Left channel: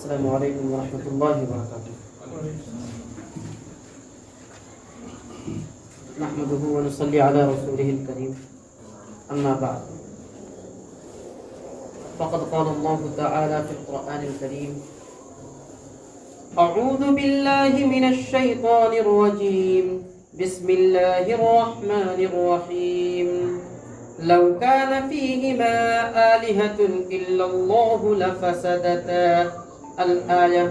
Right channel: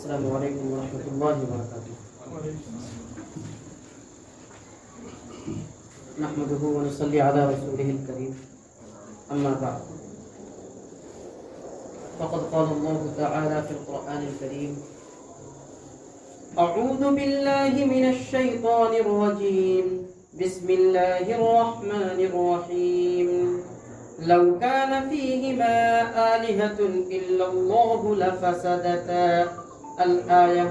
السلام علیکم ورحمۃ اللہ وبرکاتہ. نحمده ونصلي على رسوله الكريم. اما بعد فقد قال الله تعالى في القرآن الكريم: اعوذ بالله من الشيطان الرجيم بسم الله الرحمن الرحيم لو كان فيهما آلهة إلا الله لفسدتا الآية.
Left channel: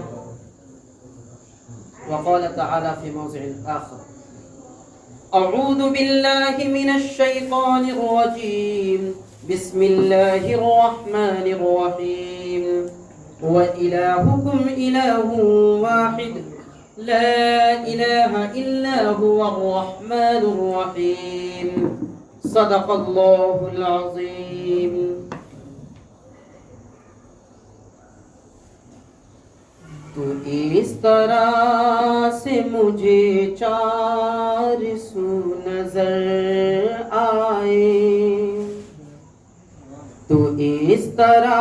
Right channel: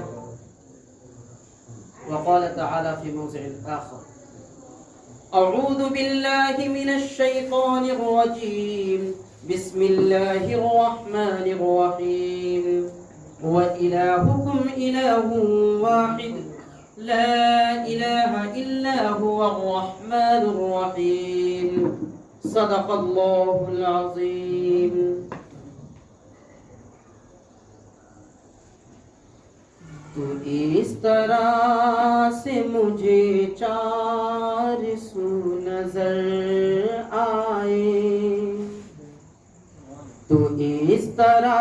وقال تعالى في موضع آخر: أعوذ بالله من الشيطان الرجيم بسم الله الرحمن الرحيم وإلهكم إله واحد لا إله إلا هو الرحمن الرحيم. صدق الله العظيم. تو اس طرح سے مجھے چار سو نظر آئے، تو اس طرح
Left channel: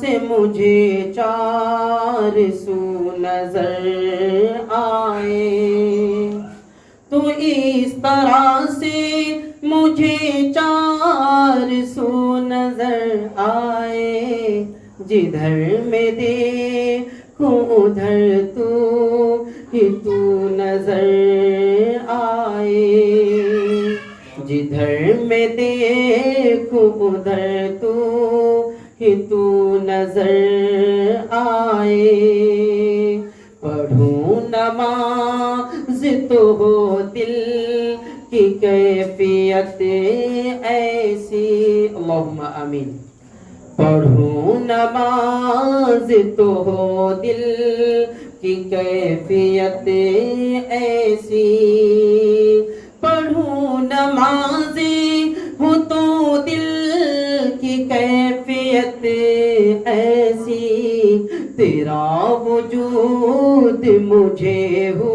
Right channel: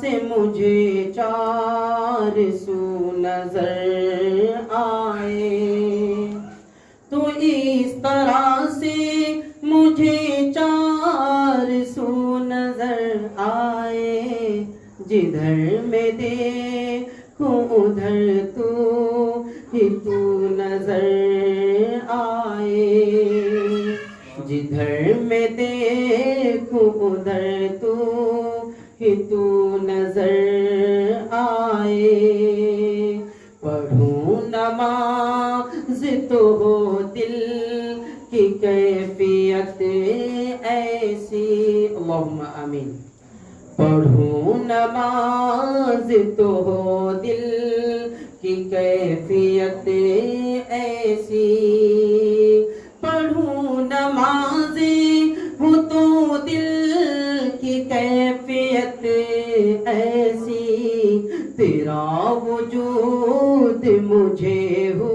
سے مجھے چار سو نظر آئے، تو اس طرح سے مجھے چار سو نظر آئے، جدھر میں دیکھوں ادھر تو ہی تو نظر آئے، جدھر میں دیکھوں ادھر تو ہی تو نظر آئے. پڑھوں نماز تو ہو دل کی کیفیت ایسی، اللہم آمین. پڑھوں نماز تو ہو دل کی کیفیت ایسی، پڑھوں نماز ہو تو دل کی کیفیت ایسی، تیرا وجود مجھے ہو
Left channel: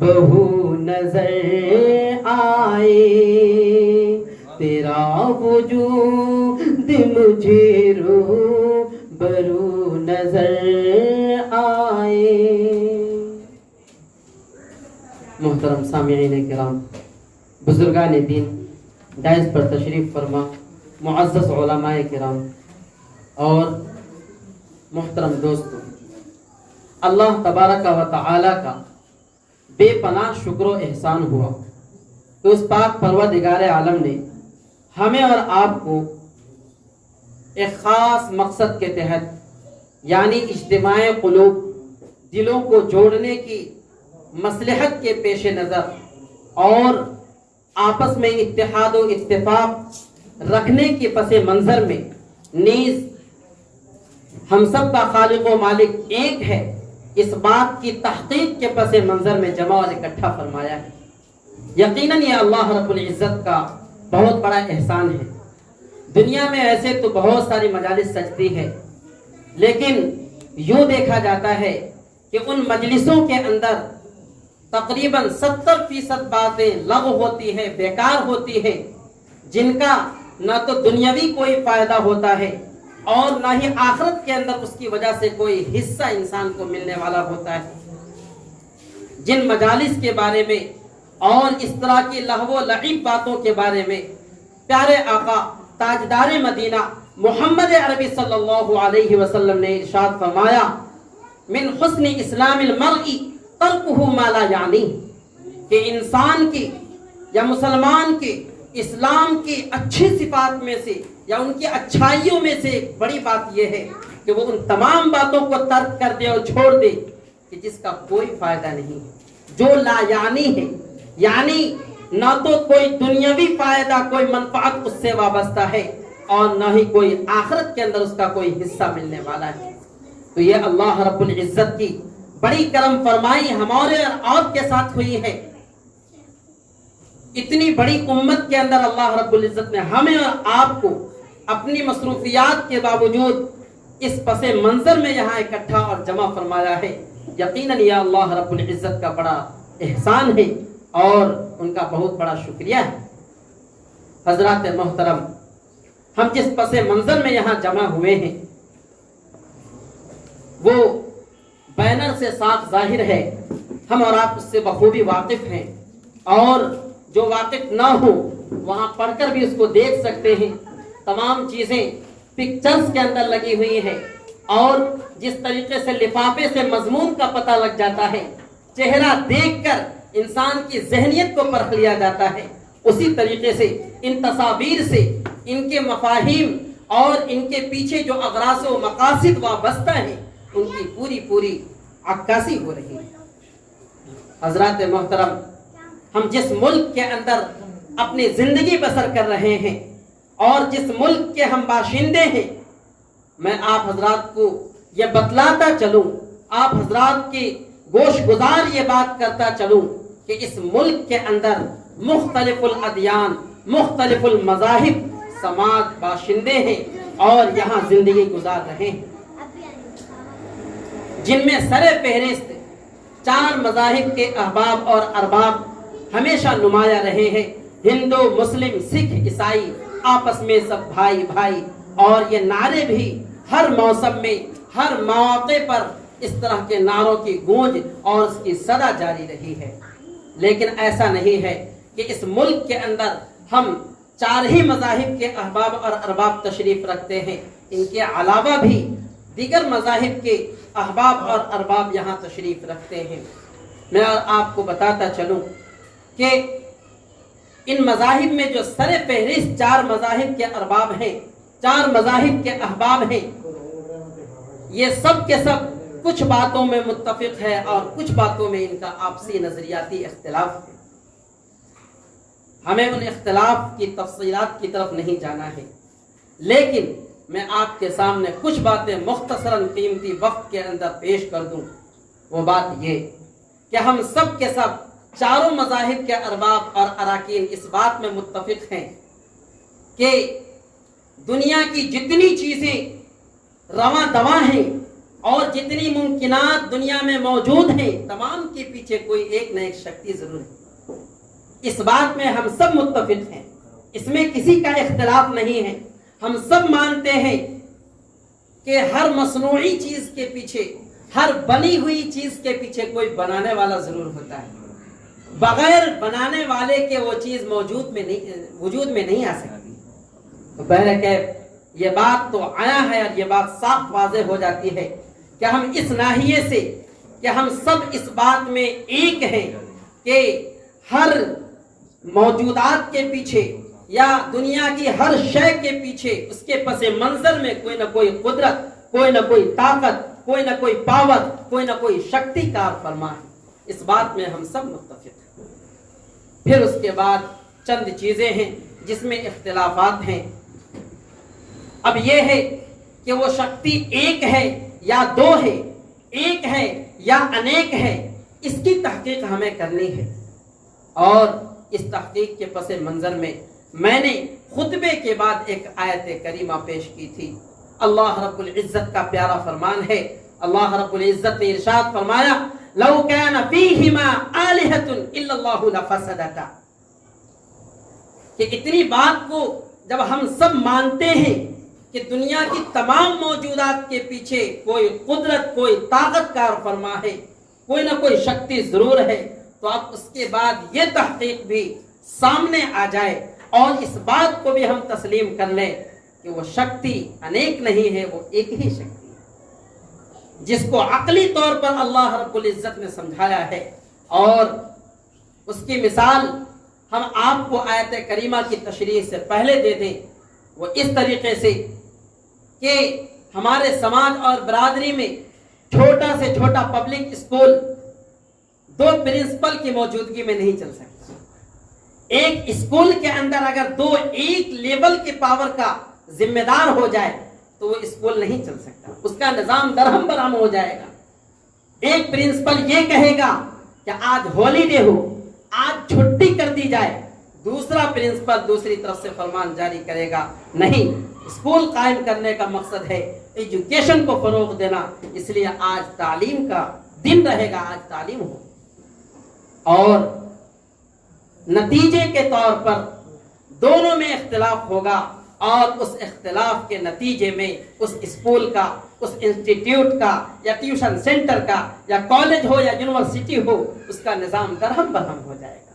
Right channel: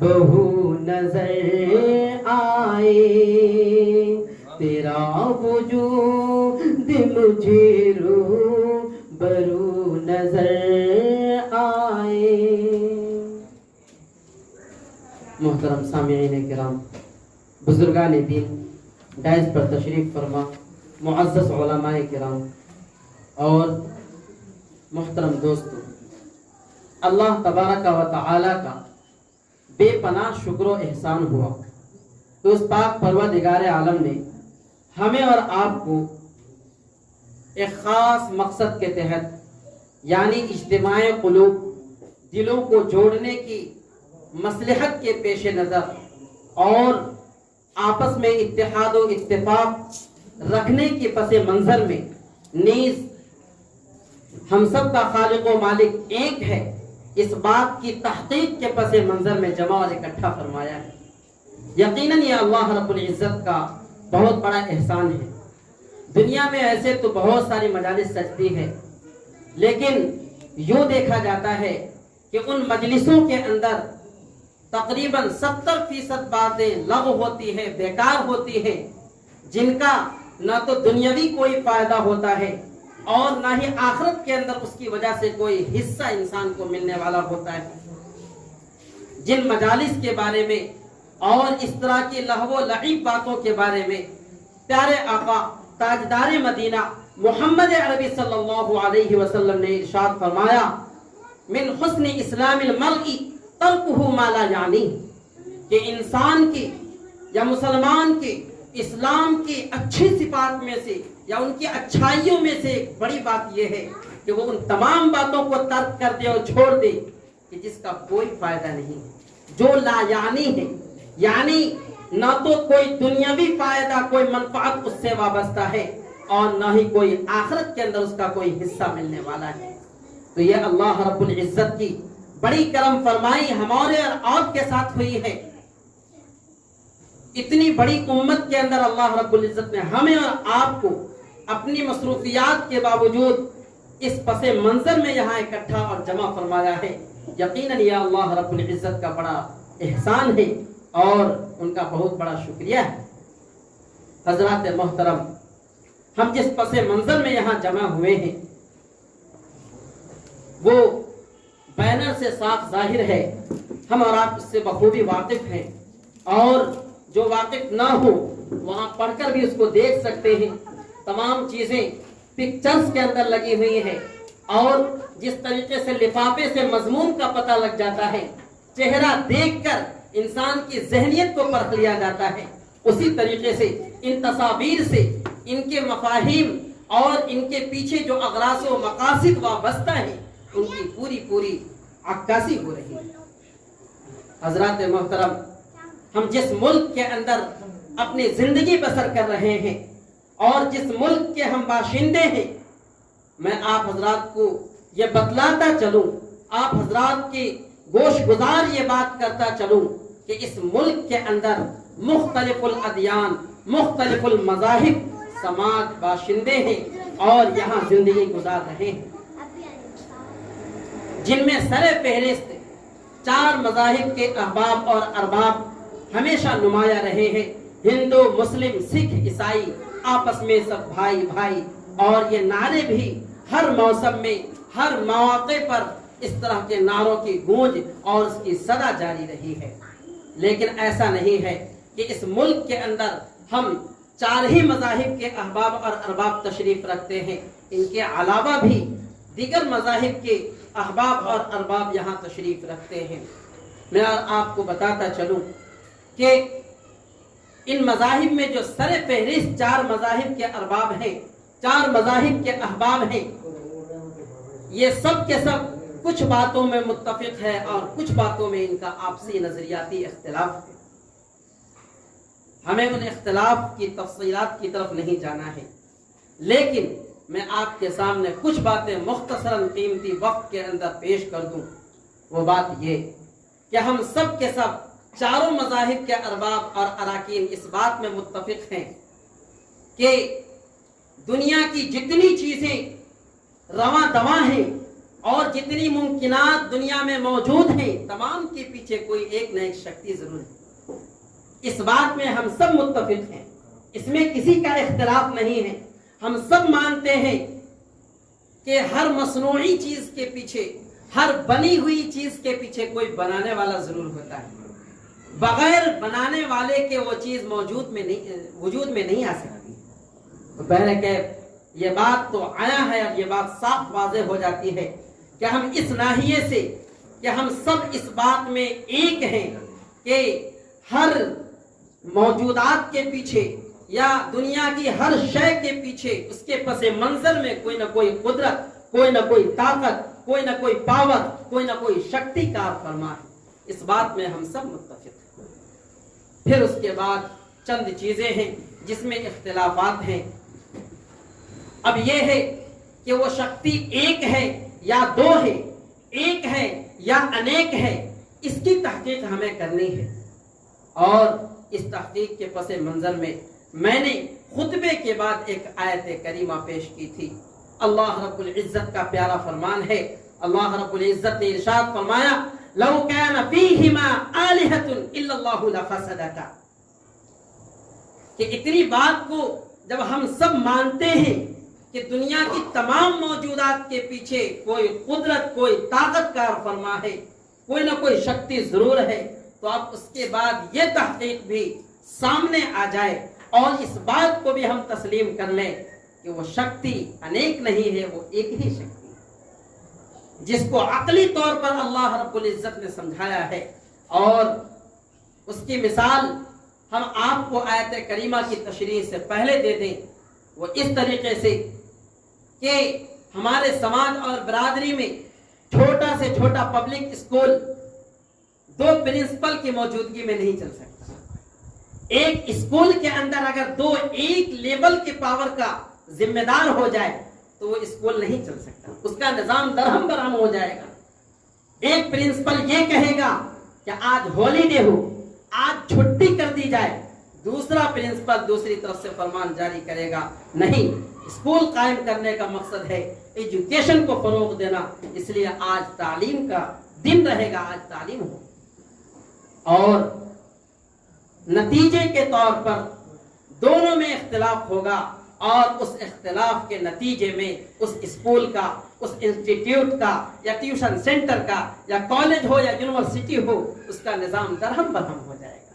بہو نظر آئے، تیرا وجود مجھے رو برو نظر آئے. محترم سامعین کرام، بزرگان دین، ڈائز پر تشریف فرما، معزز علماء کرام اور محترم دوستو، اللہ تبارک و تعالی کا بے پناہ شکر و احسان ہوا کہ اس پاک پروردگار عالم نے ہمیں اور آپ کو ایک خاص مقصد کے تحت، یعنی اجتماع قلوب، دلوں کو جوڑنے کی مصلحت کے پیش نظر اور آپس میں اتحاد و اتفاق رکھنے کے پس منظر میں نیز ہم سب کا خالق و مالک ایک ہے، اس بات کی تحقیق کے پس منظر میں جمع اور اکٹھا فرمایا ہے. یقیناً یہ اللہ رب العزت کا بہت بڑا احسان ہے. دنیا میں ایسے تو بہت ساری مجالس سجتی ہے، لیکن یوں دیکھا جاتا ہے کہ ان مجلسوں کے اندر تقریباً 70% باتیں لغو ہوتی ہیں، بیکار ہوتی ہیں، جن کا نہ تو دنیاوی کوئی فائدہ ہوتا ہے اور نہ ہی آخرت کے اندر اس کی وجہ سے کوئی حصہ انسان کو ملنے والا ہوتا ہے. جن مجالس کے بارے میں اور اس طرح کی لہو و لعب باتوں کے بارے میں پیارے آقا تاجدار مدینہ محمد عربی صلی اللہ علیہ وسلم نے ارشاد فرمایا: من حسن اسلام المرء ترکہ ما لا یعنی، کہ انسان کی یا مسلمان کی اسلام کی اچھی صفات میں سے یا ان کی اچھائیوں میں سے ایک بڑی بات یہ ہے کہ وہ ان تمام باتوں کو ترک کر دے اور چھوڑ دے کہ جس کا کوئی فائدہ نہیں ہے، جو لا یعنی ہے، یعنی نہ تو کوئی دنیاوی فائدہ، کوئی منفعت اس سے وابستہ ہے اور نہ ہی کوئی آخرت کے اندر اس کا کوئی حصہ ملنے والا ہے. تو یہ اللہ رب العزت کی بڑی کرم فرمائی ہمارے اور آپ کے ساتھ ہوئی ہے. اتنی بڑی امت کے اندر اللہ رب العزت نے ہمیں اور آپ کو اپنی مصروفیات کے باوجود اس پس منظر میں یہاں اکٹھا اور جمع فرمایا ہے. یقیناً یہ اللہ رب العزت کا بڑا احسان ہے اور ان کا بہت بڑا شکریہ ہے. حضرات محترم، ہم جس پس منظر میں یہاں جمع ہوئے ہیں، وہ بینر سے صاف ظاہر ہے، ہم اور آپ اس سے بخوبی واقف ہیں، اور جو واقف نہ ہو وہاں پڑھ کر بھی اس کو دیکھ سکتے ہیں۔ تمام چیزیں پکچرز کے اندر لگی ہوئی ہیں، اور جس طریقے سے لفافے سے مضمون کا پتہ لگ جاتا ہے، چہرہ دیکھ کر انسان کی ذہنیت کو پرکھ لیا جاتا ہے، اسی طریقے سے ان تصاویر سے ان کے مفاہیم اور ان کے پیچھے جو اغراض و مقاصد وابستہ ہیں ان کی پوری عکاسی ہو رہی ہے۔ حضرات محترم، ہم جس ملک کے اندر اپنی زندگی بسر کر رہے ہیں اور جس ملک کے ہم باشندے ہیں، میں آپ حضرات کو یہ بتلاتا چلوں، آپ حضرات کی گوش گزار یہ بات کرتا چلوں کہ اس ملک کے اندر مختلف الادیان، مختلف المذاہب سماج باشندے ہیں اور یہاں زندگی گزار رہے ہیں، جن میں سر فہرست 4 مذاہب کے احباب اور ارباب ہمیشہ نمایاں رہے ہیں۔ ہندو، مسلم، سکھ، عیسائی آپس میں سب بھائی بھائی، اور یہ نعرے بھی ہر موسم میں ہر مواقع پر اس طرح کے نعروں کی گونج اور اس کی صدا جاری رہی ہے۔ لیکن ایسا نہیں ہے کہ اس ملک کے اندر ہم 4 ہی مذاہب کے احباب اور ارباب تشریف رکھتے ہیں، ان کے علاوہ بھی دیگر مذاہب کے احباب اور ارباب یہاں تشریف رکھتے ہیں۔ میں آپ کو بتاتا چلوں کہ ان مذاہب میں جو سر فہرست 4 مذاہب کے ارباب ہیں، 4 مذاہب کے احباب ہیں، یہ سب کے سب کچھ باتوں میں متفق ہے اور کچھ باتوں میں ان کا آپسی نظریاتی اختلاف ہے۔ ہمیں ان اختلاف کی تفصیلات کی طرف نہیں جانا ہے، لیکن میں آپ کے سامنے کچھ باتیں مختصراً قیمتی وقت کے اندر پیش کر دوں۔ وہ بات یہ کہ ہم سب کے سب 4 مذاہب کے ارباب اور اراکین اس بات میں متفق ہیں کہ دنیا کی جتنی چیزیں رواں دواں ہیں اور جتنی ممکنات دنیا میں موجود ہیں، تمام کے پیچھے کوئی ایک نہ ایک شکتی ضرور ہے۔ اس بات میں ہم سب متفق ہیں، اس میں کسی کا اختلاف نہیں ہے۔ ہم سب مانتے ہیں کہ ہر مصنوعی چیز کے پیچھے، ہر بنی ہوئی چیز کے پیچھے کوئی بنانے والا ضرور ہوتا ہے، بغیر بنانے والے کے وہ چیز وجود میں نہیں آ سکتی۔ تو بہرکیف یہ بات تو آیا ہے اور یہ بات صاف واضح ہو جاتی ہے کہ ہم اس ناحیے سے کہ ہم سب اس بات میں ایک ہیں کہ ہر موجودات کے پیچھے یا دنیا کی ہر شے کے پیچھے اس کے پس منظر میں کوئی نہ کوئی قدرت، کوئی نہ کوئی طاقت، کوئی نہ کوئی پاور، کوئی نہ کوئی شکتی کار فرما ہے۔ اس بات میں ہم سب متفق ہیں۔ پھر اس کے بعد چند چیزیں ہیں جس میں اختلافات ہیں۔ اب یہ ہے کہ وہ شکتی ایک ہے یا 2 ہے، ایک ہے یا انیک ہے، اس کی تحقیق ہمیں کرنی ہے۔ اور اس تحقیق کے پس منظر میں نے خطبے کے بعد ایک آیت کریمہ پیش کی تھی۔ اللہ رب العزت کا پیارا فرمان ہے، اللہ رب العزت نے ارشاد فرمایا لو كان فيهما آلهة الا الله لفسدتا، کہ اتنی بات کو جب ہم سب مانتے ہیں کہ دنیا کی تمام موجودات کے پیچھے کوئی قدرت، کوئی طاقت کار فرما ہے، کوئی نہ کوئی شکتی ضرور ہے، تو اب اس کے بعد یہ تحقیق بھی سامنے آ جائے اور اس بات کو بھی ہم تسلیم کر لیں کہ وہ شکتی انیک نہیں ہے، وہ ایک ہی شکتی ہے، جس کو عقلی طور پر اللہ رب العزت نے سمجھایا ہے۔ اور اس کی مثال ہم آپ کو آیت کریمہ کی تشریح سے پہلے دے دیں، وہ اس طریقے سے کہ ہمارے سماج اور برادری میں چھوٹا سے چھوٹا پبلک اسکول 2 پرنسپل کی موجودگی میں نہیں چل سکتا۔ ایک اسکول کے اندر اگر 2 ایک لیول کے پاور کا ذمہ دار ہو جائے تو وہ اسکول نہیں چل سکتا، اس کا نظام درہم برہم ہو جائے گا۔ ایک پرنسپل یہ کہے گا کہ آج ہولیڈے ہو، آج چھٹی کر دی جائے، دوسرا پرنسپل دوسری طرف سے فرمان جاری کرے گا نہیں، اسکول قائم کرنے کا مقصد ہے ایجوکیشن کو فروغ دینا، اس لیے آج تعلیم کا دن رہے گا، آج تعلیم ہو۔ اور نتیجے کے طور پر دونوں میں اختلاف ہوگا، اور اس اختلاف کے نتیجے میں اس اسکول کا، اس انسٹیٹیوٹ کا یا ٹیوشن سینٹر کا یا کالج ہو یا یونیورسٹی ہو، اس کا نظام درہم برہم ہو جائے گا۔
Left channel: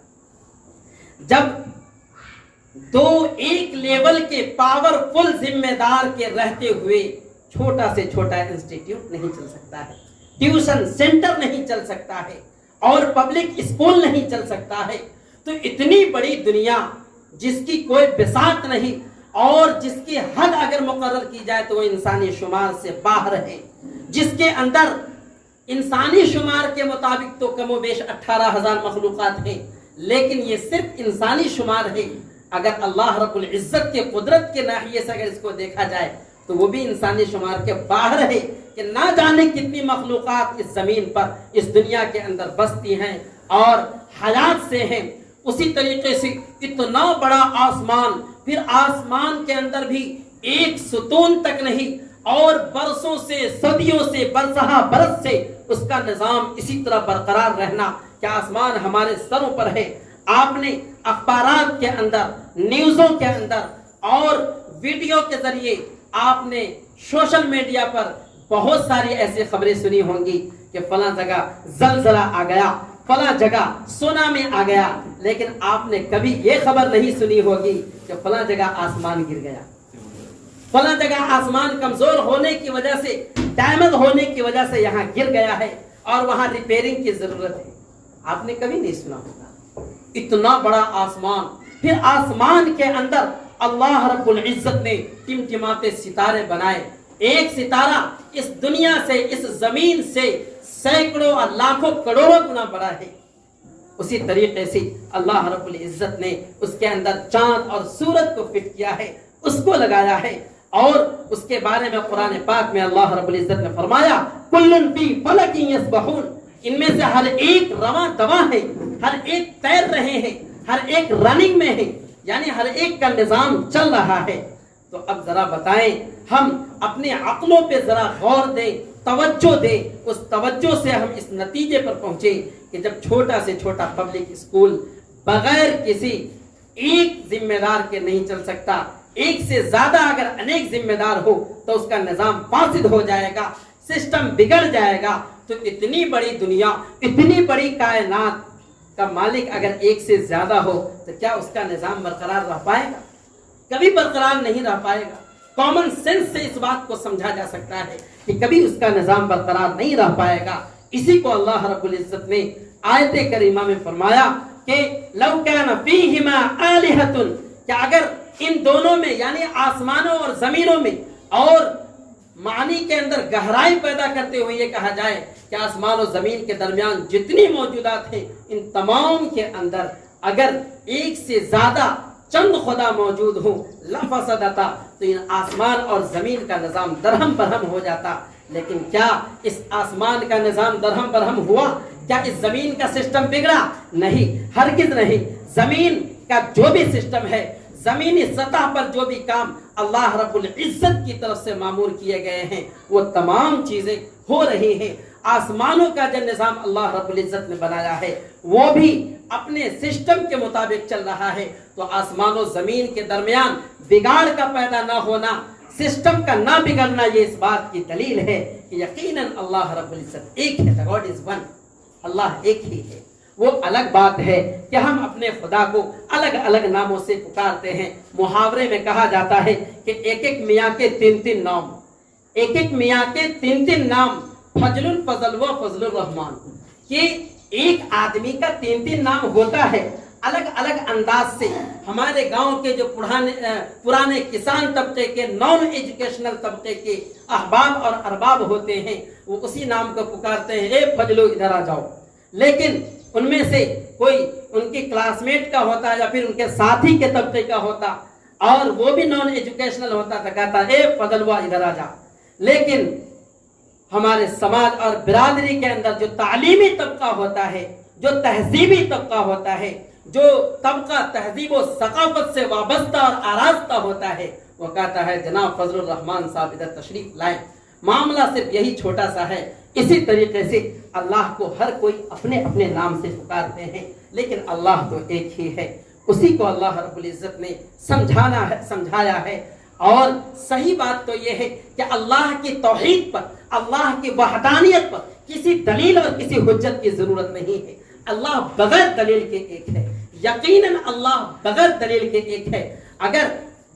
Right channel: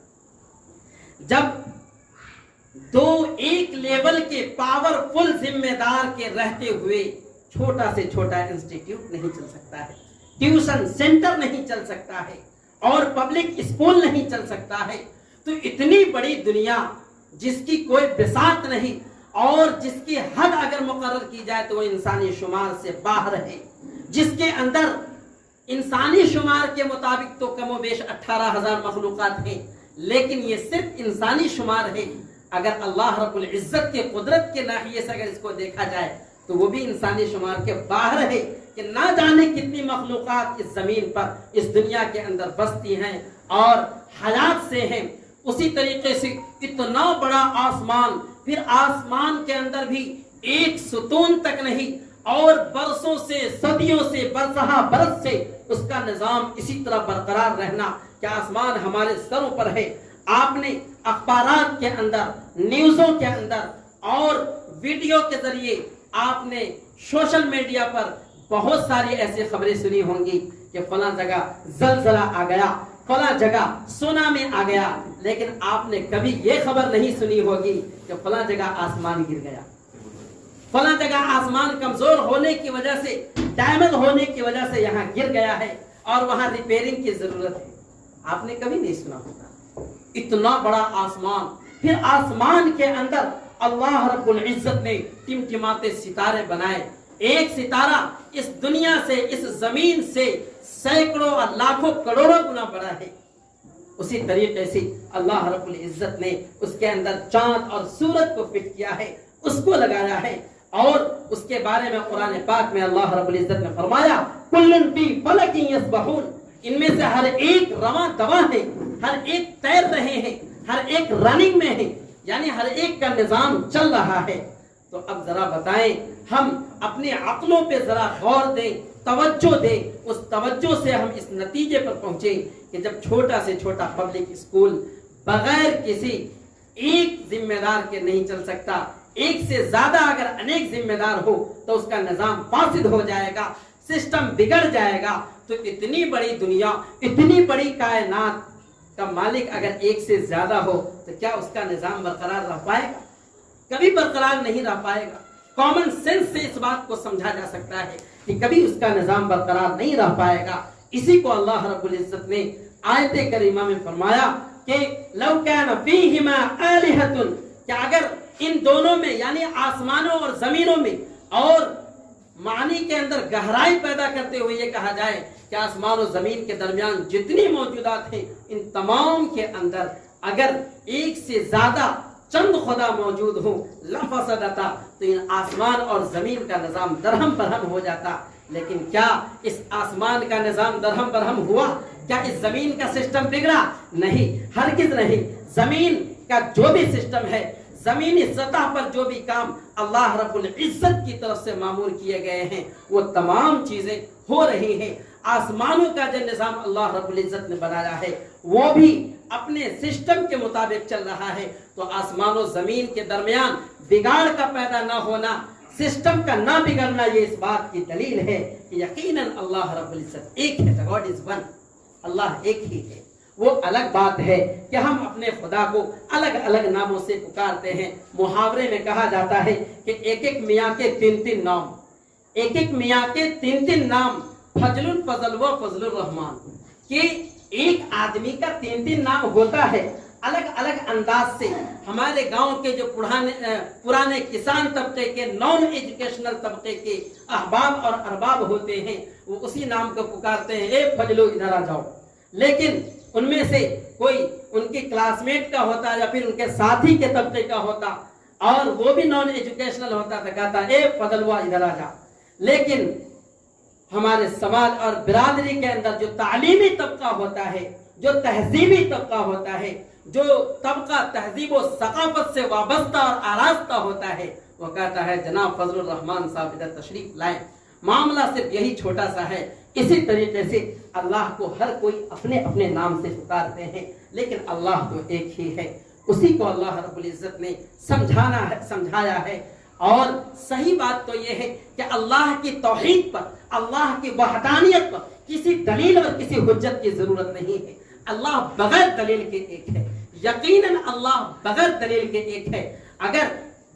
جب دو ایک لیول کے پاورفل ذمہ دار کے رہتے ہوئے چھوٹا سے چھوٹا انسٹیٹیوٹ نہیں چل سکتا ہے، ٹیوشن سینٹر نہیں چل سکتا ہے، اور پبلک اسکول نہیں چل سکتا ہے، تو اتنی بڑی دنیا جس کی کوئی بساط نہیں اور جس کی حد اگر مقرر کی جائے تو وہ انسانی شمار سے باہر ہے، جس کے اندر انسانی شمار کے مطابق تو کم و بیش 18,000 مخلوقات ہیں، لیکن یہ صرف انسانی شمار ہے۔ اگر اللہ رب العزت کے قدرت کے ناحیے سے اگر اس کو دیکھا جائے تو وہ بھی انسانی شمار کے باہر ہے، کہ نہ جانے کتنی مخلوقات اس زمین پر، اس دنیا کے اندر بستی ہیں اور حیات سے ہیں۔ اسی طریقے سے اتنا بڑا آسمان، پھر آسمان کے اندر بھی ایک ستون تک نہیں، اور برسوں سے، صدیوں سے، برسہ برس سے اس کا نظام اسی طرح برقرار رہنا کہ آسمان ہمارے سروں پر ہے۔ آپ نے اخبارات کے اندر، نیوزوں کے اندر اور ویڈیو کے ذریعے آپ نے سوشل میڈیا پر بہت ساری ایسی خبریں سنی ہوں گی کہ فلاں جگہ زلزلہ آ گیا، فلاں جگہ سونامی آ گیا، لیکن آپ نے کبھی یہ خبر نہیں سنی ہوگی کہ فلاں جگہ آسمان گر گیا، فلاں جگہ آسمان کمزور ہونے کی وجہ سے، ڈیمیج ہونے کی وجہ سے یہاں گر گیا ہے اور وہاں ریپیئرنگ کی ضرورت ہے۔ آپ نے کبھی نہیں سنا ہوگا۔ اتنا بڑا آسمان، پھر آسمان کے اندر اللہ رب العزت نے ٹمٹماتے ستارے بنائے۔ ایک ستارہ اس دنیا سے، اس زمین سے سینکڑوں اور لاکھوں کروڑوں گنا بڑا ہے۔ اسی طریقے سے اللہ رب العزت نے اس کے اندر چاند اور سورج کو فٹ کیا ہے، اس کو لگایا ہے، اور اس کے بارے میں قرآن پاک میں اللہ رب العزت نے فرمایا کلن فی فلک یسبحون، ان میں سے ہر ایک رواں دواں ہے، ہر ایک تیر رہے ہیں، ہر ایک رننگ میں ہے، یعنی ہر ایک کا نظام چل رہا ہے۔ تو اب ذرا بتائیں، ہم اپنے عقلوں پہ ذرا غور دیں، توجہ دیں، اس توجہ سے ہم اس نتیجے پر پہنچیں کہ جب چھوٹا سے چھوٹا پبلک اسکول بغیر کسی ایک ذمہ دار کے نہیں چل سکتا، ایک سے زیادہ اگر انیک ذمہ دار ہو تو اس کا نظام فاسد ہو جائے گا، سسٹم بگڑ جائے گا۔ تو اتنی بڑی دنیا، اتنی بڑی کائنات کا مالک اگر ایک سے زیادہ ہو تو کیا اس کا نظام برقرار رہ پائے گا؟ کبھی برقرار نہیں رہ پائے گا۔ کامن سینس سے اس بات کو سمجھا جا سکتا ہے کہ کبھی اس کا نظام برقرار نہیں رہ پائے گا۔ اسی کو اللہ رب العزت نے آیت کریمہ میں فرمایا کہ لو کان فیہما آلہۃ، کہ اگر ان دونوں میں یعنی آسمانوں اور زمینوں میں، اور معنی کے اندر گہرائی پیدا کرتے ہوئے یہ کہا جائے کہ آسمان و زمین کے درمیان جتنی موجودات ہیں ان تمام کے اندر اگر ایک سے زیادہ چند خدا موجود ہوں لفسدتا، تو ان آسمان اور زمین کا نظام درہم برہم ہو جاتا۔ لیکن کیا اس آسمان کا نظام درہم برہم ہوا؟ کیا اس زمین کا سسٹم بگڑا؟ نہیں، ہرگز نہیں۔ زمین کا جو بھی سسٹم ہے، زمینی سطح پر جو بھی کام اللہ رب العزت کی طرف سے معمور کیے گئے ہیں وہ تمام چیزیں ہو رہی ہیں۔ آسمانوں کا جو نظام اللہ رب العزت نے بنایا ہے وہ بھی اپنے سسٹم کے مطابق چل رہا ہے۔ تو آسمان و زمین کے درمیان بگاڑ کا پیدا نہ ہونا، سسٹم کا نہ بگڑنا، یہ اس بات کی دلیل ہے کہ یقیناً اللہ رب العزت ایک ہے۔ The God is one، اللہ ایک ہی ہے۔ وہ الگ بات ہے کہ ہم اپنے خدا کو الگ الگ ناموں سے پکارتے ہیں۔ محاورے میں کہا جاتا ہے کہ ایک ایک میاں کے تین نام، ایک ایک میاں کے تین نام، فضل الفضل و فضل الرحمان، کہ ایک آدمی کا تین نام ہوتا ہے الگ الگ انداز سے۔ ہمارے گاؤں کے جو پرانے کسان طبقے کے، نان ایجوکیشنل طبقے کے احباب اور ارباب ہوتے ہیں، وہ اسی نام کو پکارتے ہیں، اے فضلو ادھر آ جاؤ۔ لیکن ان میں سے کوئی ان کے کلاس میٹ کا ہوتا یا پھر ان کے ساتھی کے طبقے کا ہوتا اور وہ بھی نان ایجوکیشنل ہوتا تو کہتا اے فضلوا ادھر آ جا۔ لیکن ہمارے سماج اور برادری کے اندر جو تعلیمی طبقہ ہوتا ہے، جو تہذیبی طبقہ ہوتا ہے، جو طبقہ تہذیب و ثقافت سے وابستہ اور آراستہ ہوتا ہے، وہ کہتا ہے جناب فضل الرحمان صاحب ادھر تشریف لائیں۔ معاملہ صرف یہی چھوٹا سا ہے۔ اسی طریقے سے اللہ کو ہر کوئی اپنے اپنے نام سے پکارتے ہیں، لیکن اللہ تو ایک ہی ہے۔ اسی کو اللہ رب العزت نے سمجھایا ہے. اور صحیح بات تو یہ ہے کہ اللہ کی توحید پر، اللہ کی وحدانیت پر کسی دلیل اور کسی حجت کی ضرورت نہیں ہے. اللہ بغیر دلیل کے ایک ہے، یقیناً اللہ بغیر دلیل کے ایک ہے. اگر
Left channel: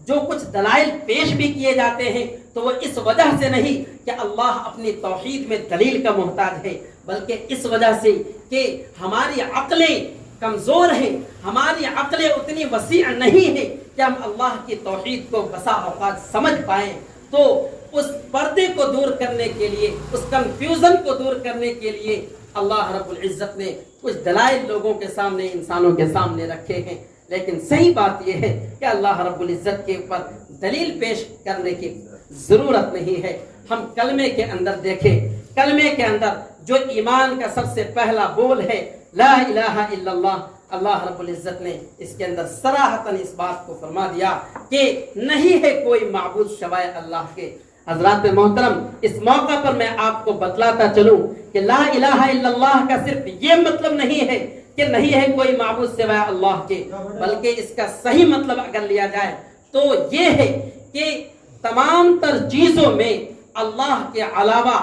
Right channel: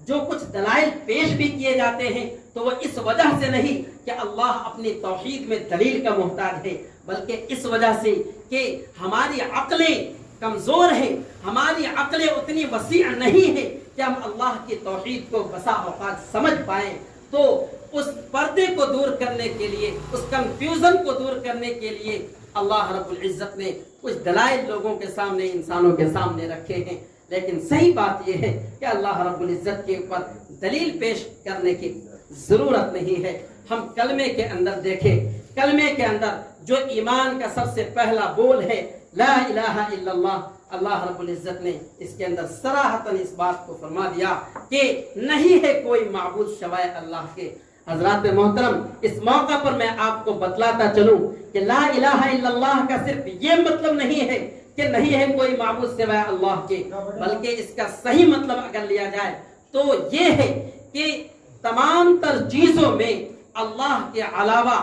جو کچھ دلائل پیش بھی کیے جاتے ہیں تو وہ اس وجہ سے نہیں کہ اللہ اپنی توحید میں دلیل کا محتاج ہے، بلکہ اس وجہ سے کہ ہماری عقلیں کمزور ہیں، ہماری عقلیں اتنی وسیع نہیں ہیں کہ ہم اللہ کی توحید کو بسا اوقات سمجھ پائیں. تو اس پردے کو دور کرنے کے لیے، اس کنفیوژن کو دور کرنے کے لیے اللہ رب العزت نے کچھ دلائل لوگوں کے سامنے، انسانوں کے سامنے رکھے ہیں. لیکن صحیح بات یہ ہے کہ اللہ رب العزت کے اوپر دلیل پیش کرنے کی ضرورت نہیں ہے. ہم کلمے کے اندر دیکھیں، کلمے کے اندر جو ایمان کا سب سے پہلا بول ہے لا الہ الا اللہ، اللہ رب العزت نے اس کے اندر صراحتاً اس بات کو فرما دیا کہ نہیں ہے کوئی معبود سوائے اللہ کے. حضرات محترم، اس موقع پر میں آپ کو بتلاتا چلوں کہ لا الہ الا اللہ کا صرف یہ مطلب نہیں ہے کہ نہیں ہے کوئی معبود سوائے اللہ کے، بلکہ اس کا صحیح مطلب اگر لیا جائے تو یہ ہے کہ تمام تر چیزوں میں اللہ کے علاوہ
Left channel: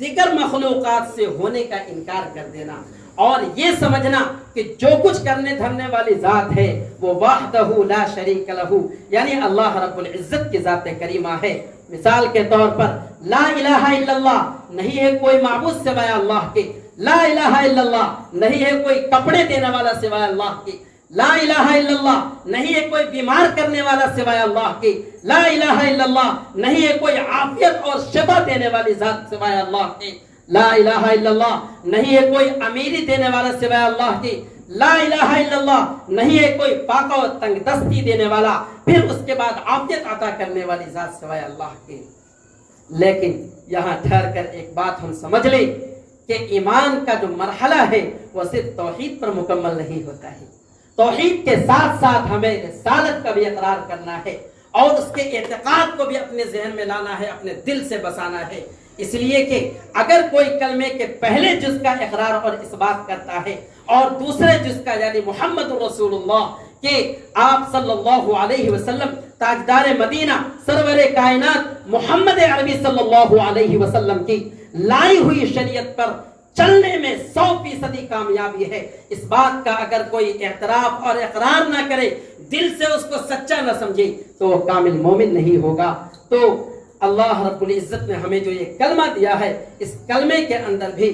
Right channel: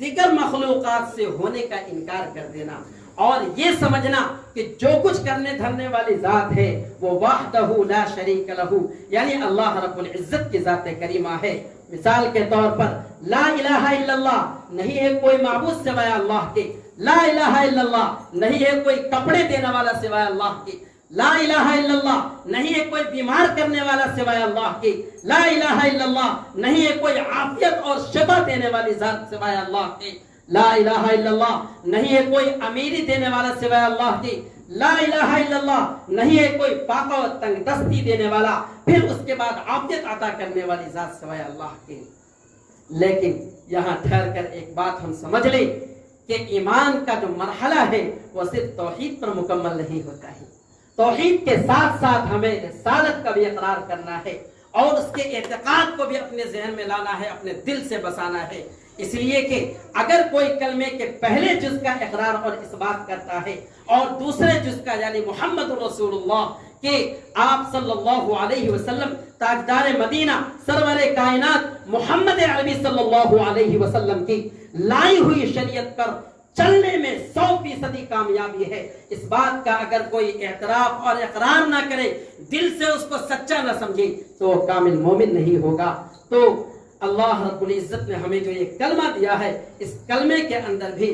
دیگر مخلوقات سے ہونے کا انکار کر دینا، اور یہ سمجھنا کہ جو کچھ کرنے دھرنے والی ذات ہے وہ وحدہ لا شریک لہ، یعنی اللہ رب العزت کی ذات کریمہ ہے. مثال کے طور پر لا الہ الا اللہ، نہیں ہے کوئی معبود سوائے اللہ کے. لا الہ الا اللہ، نہیں ہے کوئی کپڑے دینے والا سوائے اللہ کے. لا الہ الا اللہ، نہیں ہے کوئی بیمار کرنے والا سوائے اللہ کے. لا الہ الا اللہ، نہیں ہے کوئی عافیت اور شفا دینے والی ذات سوائے اللہ کے. لا الہ الا اللہ، نہیں ہے کوئی امیری دینے والا سوائے اللہ کے. لا الہ الا اللہ، نہیں ہے کوئی فاقہ و تنگ دستی دینے والا، پھر اس کے بعد عافیت عطا کرنے والی ذات سوائے اللہ کے. لیکن یہاں ٹھہر کر ایک بات ہم سمجھ لیں کہ ایمان کا جو مرحلہ ہے وہ صرف توحید پر مکمل نہیں ہوتا ہے. توحید کے ساتھ ساتھ ہمیں رسالت کا بھی اقرار کرنا ہے اور اس کے اعتقاد کو بھی اپنے ذہن میں لانا ہے، اپنے دل سے بسانا ہے. اس لیے کہ اگر کوئی کلمے کے پہلے جز کا اقرار اور اس بات کرتا ہے اور دوسرے جز کا یعنی محمد رسول اللہ کہ آپ صلی اللہ علیہ وسلم تاجدار مدینہ سرور کائنات محمد عربی صلی اللہ علیہ وسلم کی لائی ہوئی شریعت پر چلنے میں 100% کامیابی ہے، اس بات کا اگر کوئی اعتراف اور اقرار نہ کرے، دل سے اس کو سچا نہ سمجھے، تو وہ کامل مومن نہیں ہوگا. تو اللہ رب العزت نے ہمیں جو یہ کلمہ دیا ہے، اس کلمے کے اندر بھی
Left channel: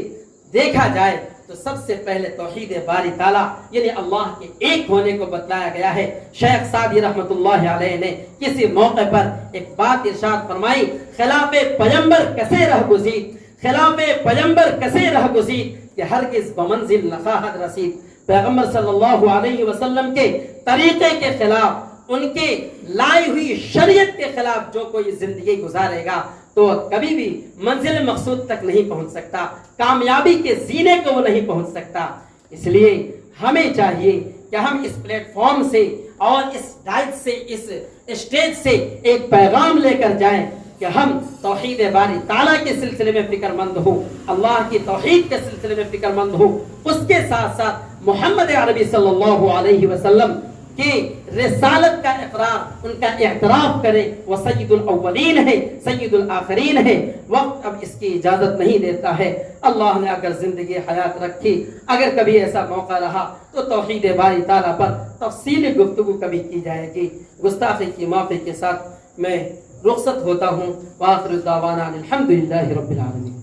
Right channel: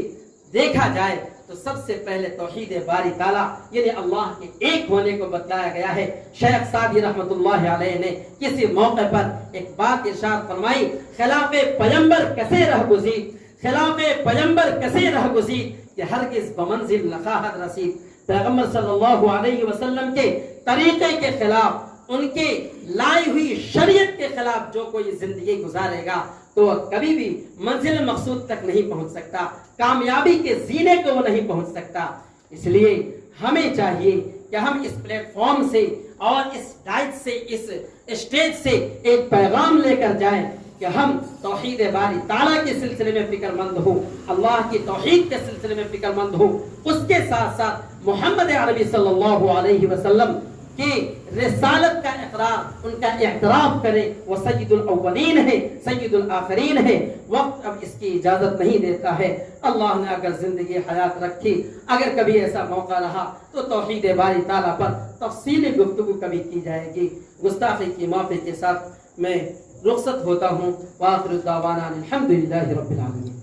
دیکھا جائے تو سب سے پہلے توحید باری تعالیٰ یعنی اللہ کے ایک ہونے کو بتلایا گیا ہے. شیخ سعدی رحمت اللہ علیہ نے کسی موقع پر ایک بات ارشاد فرمائی، خلاف پیغمبر کسے رہ گزید، خلاف پیغمبر کسے رہ گزید کہ ہرگز بمنزل نخواہد رسید. پیغمبر صلی اللہ علیہ وسلم کے طریقے کے خلاف، ان کے لائی ہوئی شریعت کے خلاف جو کوئی زندگی گزارے گا تو وہ کبھی بھی منزل مقصود تک نہیں پہنچ سکتا، کامیابی کے زینے کو وہ نہیں پہنچ سکتا. اس لیے ہمیں چاہیے کہ ہم اس پلیٹ فارم سے اور اس ڈائٹ سے، اس اسٹیج سے ایک پیغام لے کر جائیں کہ ہم توحید باری تعالیٰ کے سلسلے میں فکر مند ہوں، اللہ کی توحید کے سلسلے میں فکر مند ہوں، اس کے ساتھ ساتھ محمد عربی صلی اللہ علیہ وسلم کی رسالت کا اقرار، ان کا اعتراف کریں. وہ سید الاولین ہے، سید الآخرین ہے. وقت اب اس کی اجازت نہیں دیتا ہے. اللہ نے اگر زندگی حیات رکھی، اگر کبھی ایسا موقع رہا تو توحید باری تعالیٰ پر تفصیلی گفتگو کبھی کی جائے گی. گستاخی کی معافی کے ساتھ میں رخصت ہوتا ہوں. وآخر دعوانا الحمدللہ رب العالمین.